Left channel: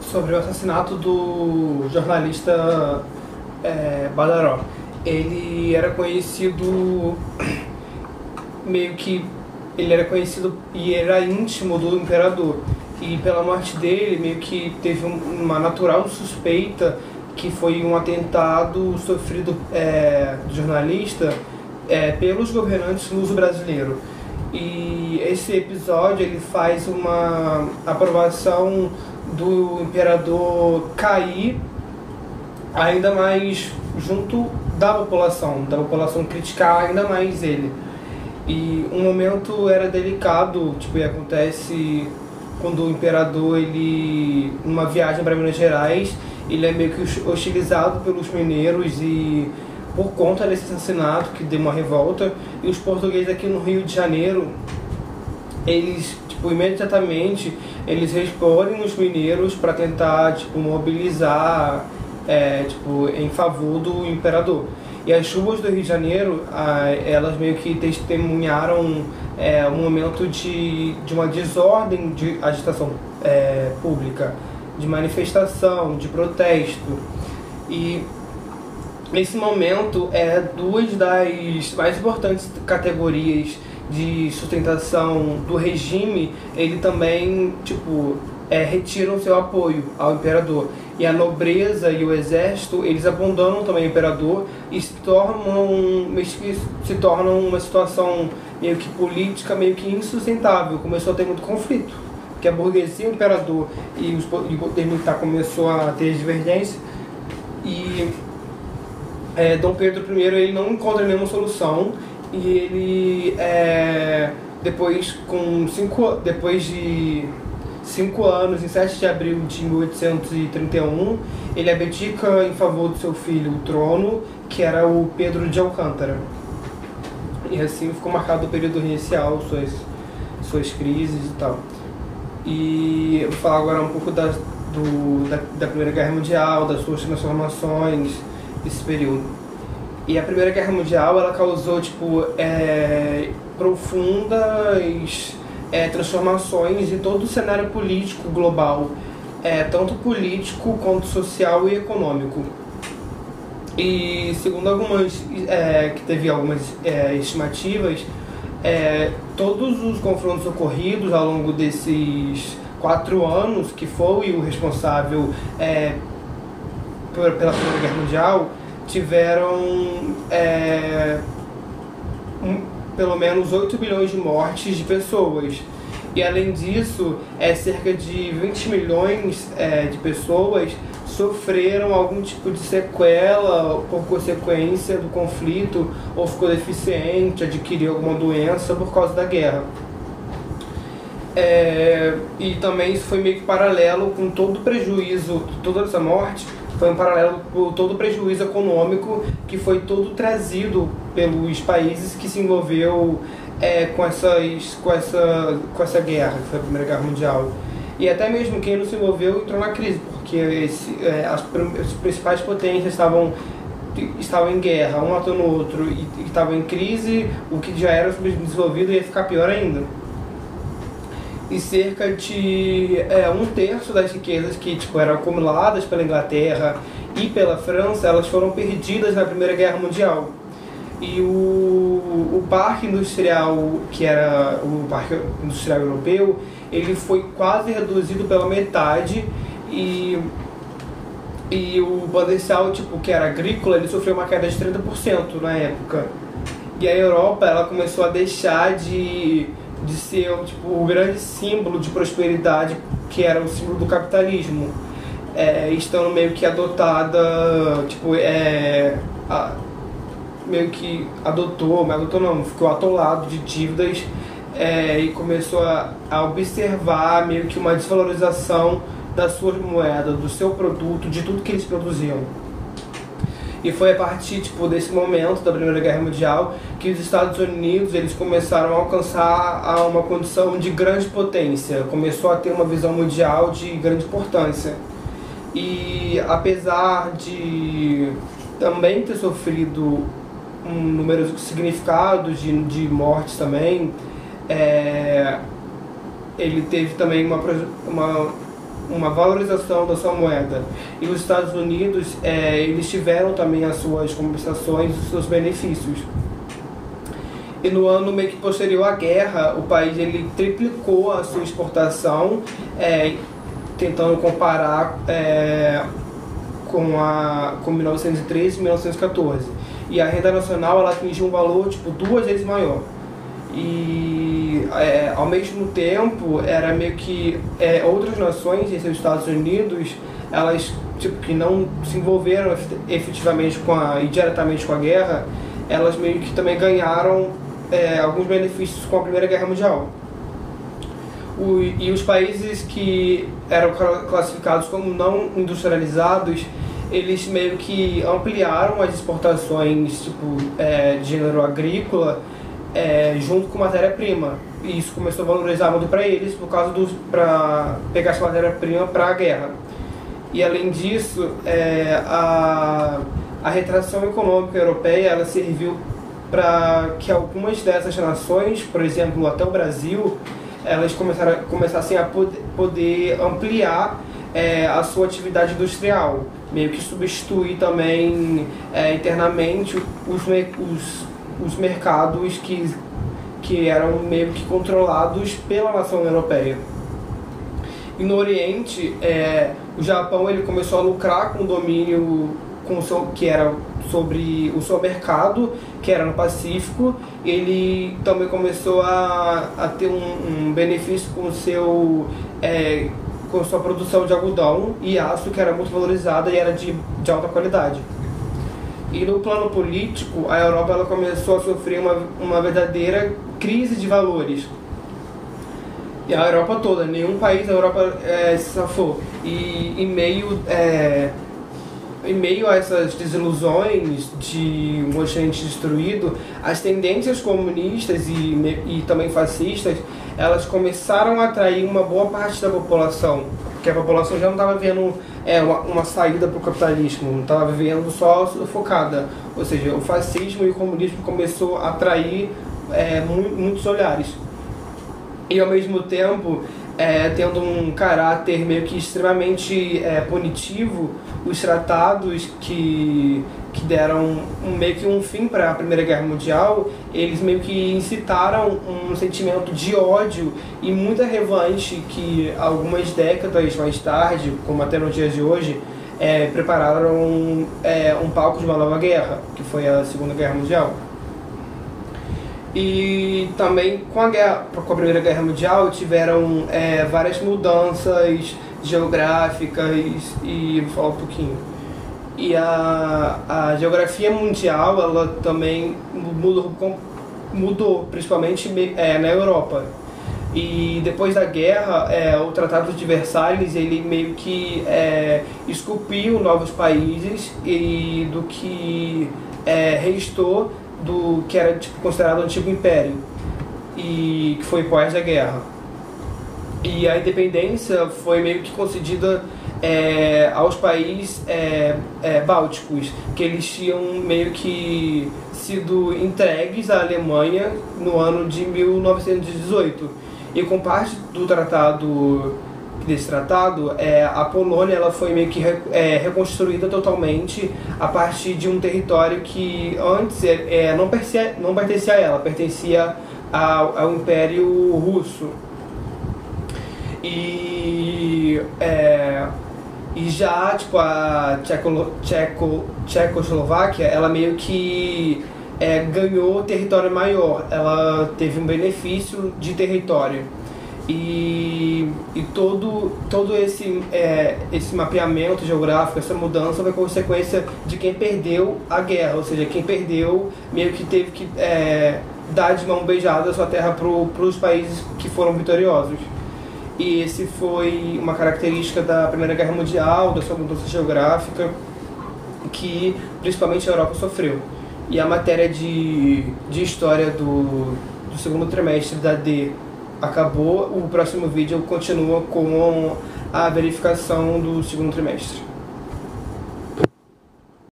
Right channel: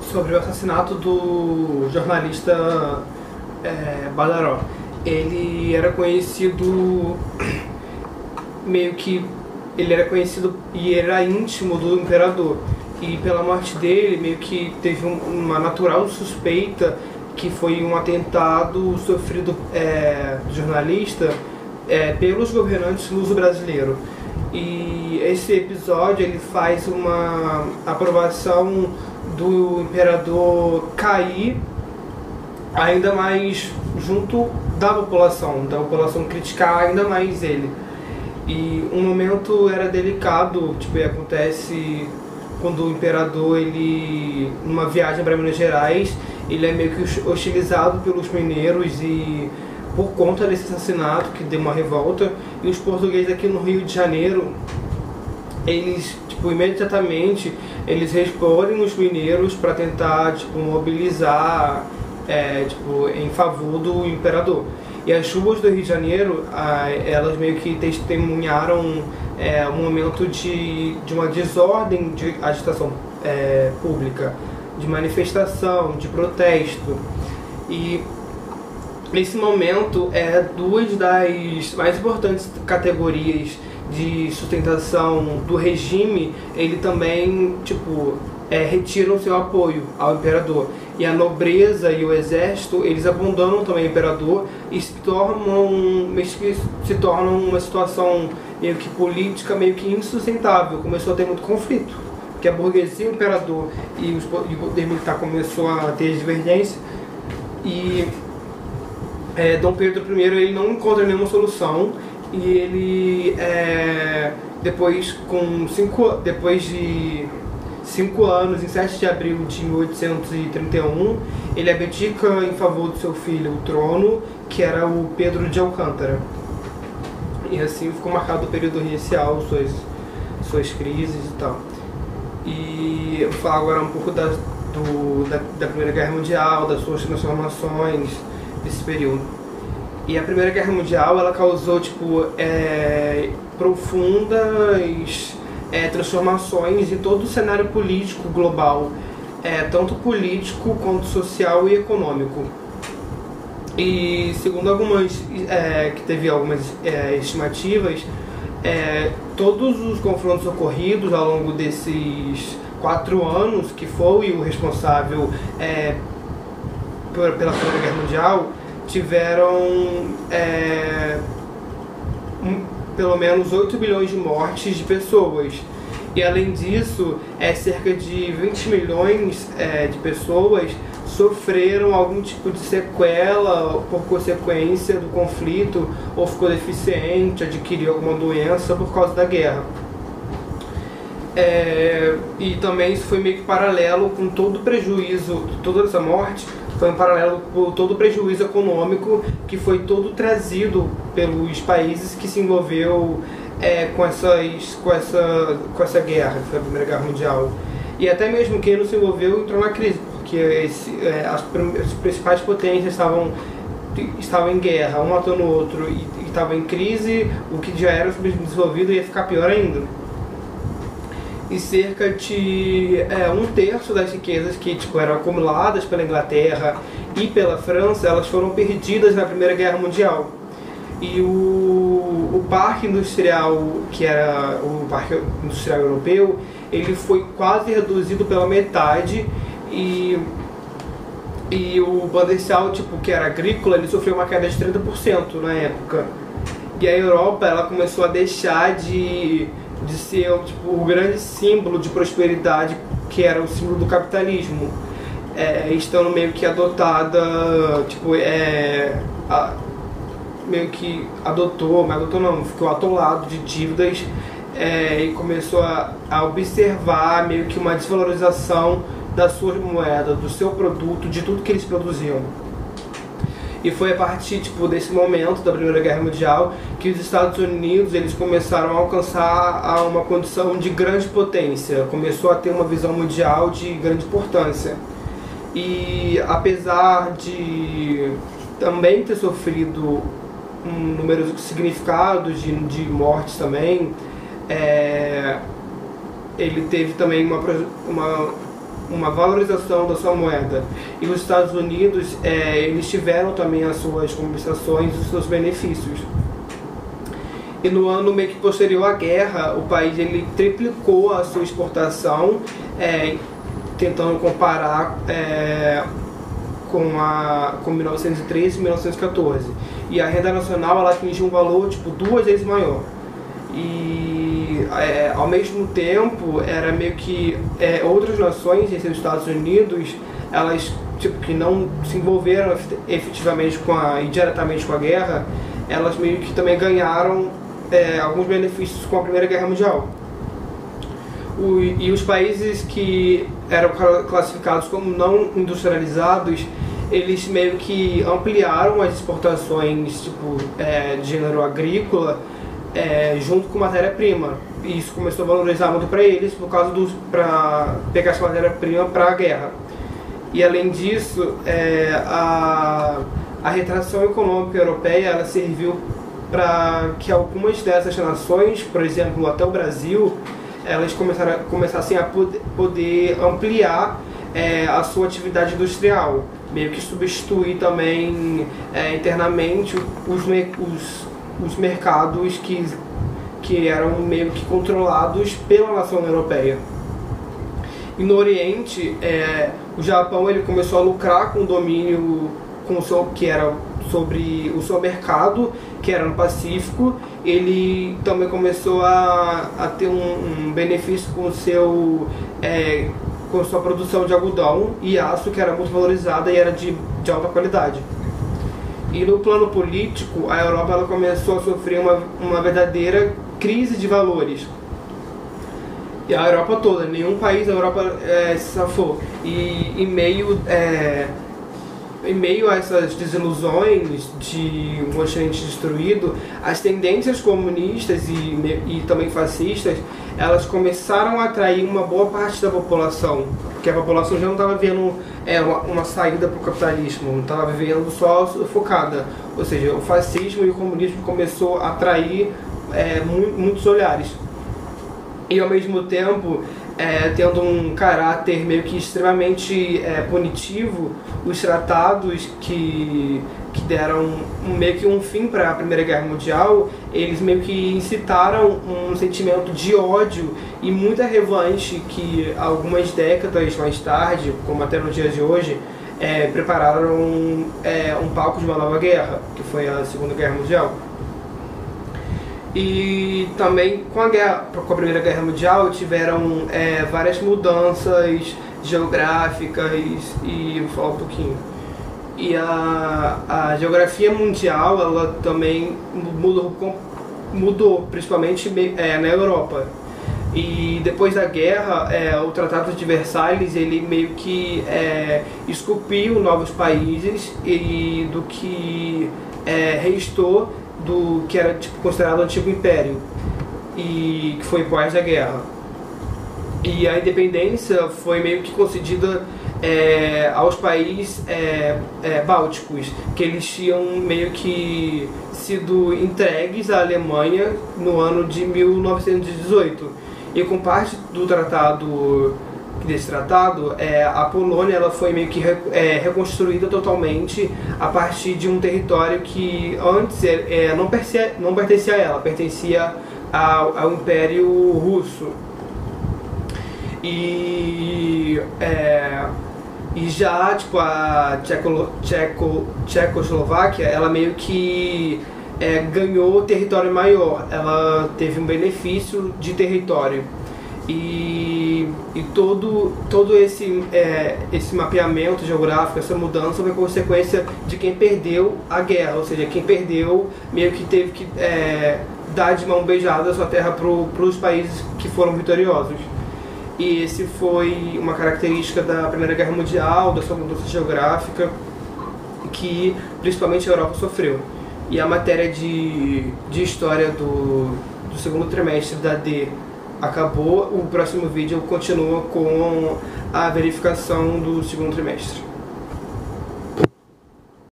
sobre o assassinato do jornalista Badaró. Ele era conhecido ele era conhecido e era íntimo do imperador, e pela morte dele meio que teve uma natural suspeita que foi um atentado sofrido do jornalista pelos governantes luso-brasileiros. E esse episódio ele faz uma aprovação do imperador cair ainda mais junto da população criticar ainda mais ele. E um momento era delicado, tipo, acontece quando o imperador, ele, numa viagem para Minas Gerais, ele é meio que hostilizado pelos mineiros, e por conta desse assassinato que deu uma revolta, e os portugueses aqui no Rio de Janeiro, eles, tipo, imediatamente eles respondem os mineiros para tentar, tipo, mobilizar em favor do imperador. E as chuvas do Rio de Janeiro, elas meio que testemunharam um momento de uma desordem de agitação pública, de manifestação, de protesto. E nesse momento, duas das mais importantes categorias de sustentação do regime, ele também, tipo, retiram seu apoio ao imperador. E a nobreza e o exército, eles abandonam também o imperador e se tornam uma situação meio que política, meio que insustentável. Começou a ter muito conflito, porque a burguesia, o imperador e o poder militar começou a ter divergência. E Dom Pedro I, ele não encontra nenhuma solução, e ele depois de 5 anos, em 7 de abril de 1831, ele abdica em favor do seu filho o trono, que era o Pedro de Alcântara. E assim ficou marcado o período inicial, suas crises e tal. E eu vou falar agora um pouco da Primeira Guerra Mundial, das suas transformações desse período. E a Primeira Guerra Mundial, ela causou, tipo, profundas transformações em todo o cenário político global, tanto político quanto social e econômico. E segundo que teve algumas estimativas, todos os confrontos ocorridos ao longo desses 4 anos, que foi o responsável pela Primeira Guerra Mundial, tiveram pelo menos 8 bilhões de mortes de pessoas. E além disso, cerca de 20 milhões de pessoas sofreram algum tipo de sequela por consequência do conflito, ou ficou deficiente, adquiriu alguma doença por causa da guerra. E também isso foi meio que paralelo com todo o prejuízo, toda essa morte foi um paralelo com todo o prejuízo econômico que foi todo trazido pelos países que se envolveu com essa guerra, essa Primeira Guerra Mundial. E até mesmo quem não se envolveu entrou na crise, porque as principais potências estavam em guerra, um matando o outro, e estavam em crise. O que já era desenvolvido ia ficar pior ainda. E cerca de 1/3 das riquezas que, tipo, eram acumuladas pela Inglaterra e pela França, elas foram perdidas na Primeira Guerra Mundial. E o parque industrial, que era o parque industrial europeu, ele foi quase reduzido pela metade, e o potencial, tipo, que era agrícola, ele sofreu uma queda de 30% na época. E a Europa, ela começou a deixar de ser, tipo, o grande símbolo de prosperidade, que era o símbolo do capitalismo, estando meio que adotada, tipo, meio que ficou atolado de dívidas, e começou a observar meio que uma desvalorização da sua moeda, do seu produto, de tudo que eles produziam. E foi a partir, tipo, desse momento da Primeira Guerra Mundial que os Estados Unidos, eles começaram a alcançar uma condição de grande potência, começou a ter uma visão mundial de grande importância. E apesar de também ter sofrido um número significado de mortes também, ele teve também uma valorização da sua moeda. E os Estados Unidos, eles tiveram também as suas compensações e os seus benefícios. E no ano meio que posterior à guerra, o país ele triplicou a sua exportação, tentando comparar com 1913 e 1914. E a renda nacional ela atingiu um valor tipo 2 vezes maior. E ao mesmo tempo era meio que outras nações, esses Estados Unidos, elas tipo que não se envolveram efetivamente e diretamente com a guerra, elas meio que também ganharam alguns benefícios com a Primeira Guerra Mundial. E os países que eram classificados como não industrializados, eles meio que ampliaram as exportações tipo, de gênero agrícola junto com matéria-prima. E isso começou a valorizar muito para eles por causa para pegar essa matéria-prima para a guerra. E além disso, a retração econômica europeia ela serviu para que algumas dessas nações, por exemplo, até o Brasil, elas começassem a poder ampliar a sua atividade industrial, meio que substituir também internamente os mercados que eram meio que controlados pela nação europeia. E no Oriente, o Japão ele começou a lucrar com o domínio que era sobre o seu mercado, que era no Pacífico. Ele também começou a ter um benefício com sua produção de algodão e aço, que era muito valorizada e era de alta qualidade. E no plano político, a Europa ela começou a sofrer uma verdadeira crise de valores. E a Europa toda, nenhum país da Europa se safou. E em meio a essas desilusões de um continente destruído, as tendências comunistas e também fascistas, elas começaram a atrair uma boa parte da população, porque a população já não estava vendo uma saída para o capitalismo, não estava vivendo só focada. Ou seja, o fascismo e o comunismo começou a atrair muitos olhares. E ao mesmo tempo, tendo um caráter meio que extremamente punitivo, os tratados que deram meio que um fim para a Primeira Guerra Mundial, eles meio que incitaram um sentimento de ódio e muita revanche que algumas décadas mais tarde, como até nos dias de hoje, prepararam um palco de uma nova guerra, que foi a Segunda Guerra Mundial. E também com a Primeira Guerra Mundial tiveram várias mudanças geográficas e vou falar um pouquinho. E a geografia mundial ela também mudou principalmente na Europa. E depois da guerra, o Tratado de Versalhes ele meio que esculpiu novos países e do que restou do que era considerado o Antigo Império, e que foi pós a guerra. E a independência foi meio que concedida aos países bálticos, que eles tinham meio que sido entregues à Alemanha no ano de 1918. E com parte desse tratado, a Polônia ela foi meio que reconstruída totalmente a partir de um território que antes não pertencia a ela, pertencia ao Império Russo. E já tipo, a Tchecoslováquia ela meio que ganhou território maior, ela teve um benefício de território. E todo esse mapeamento geográfico, essa mudança foi consequência de quem perdeu a guerra, ou seja, quem perdeu meio que teve que dar de mão beijada a sua terra para os países que foram vitoriosos. E esse foi uma característica da Primeira Guerra Mundial, da sua mudança geográfica, que principalmente a Europa sofreu. E a matéria de história do segundo trimestre da D acabou. O próximo vídeo continua com a verificação do segundo trimestre.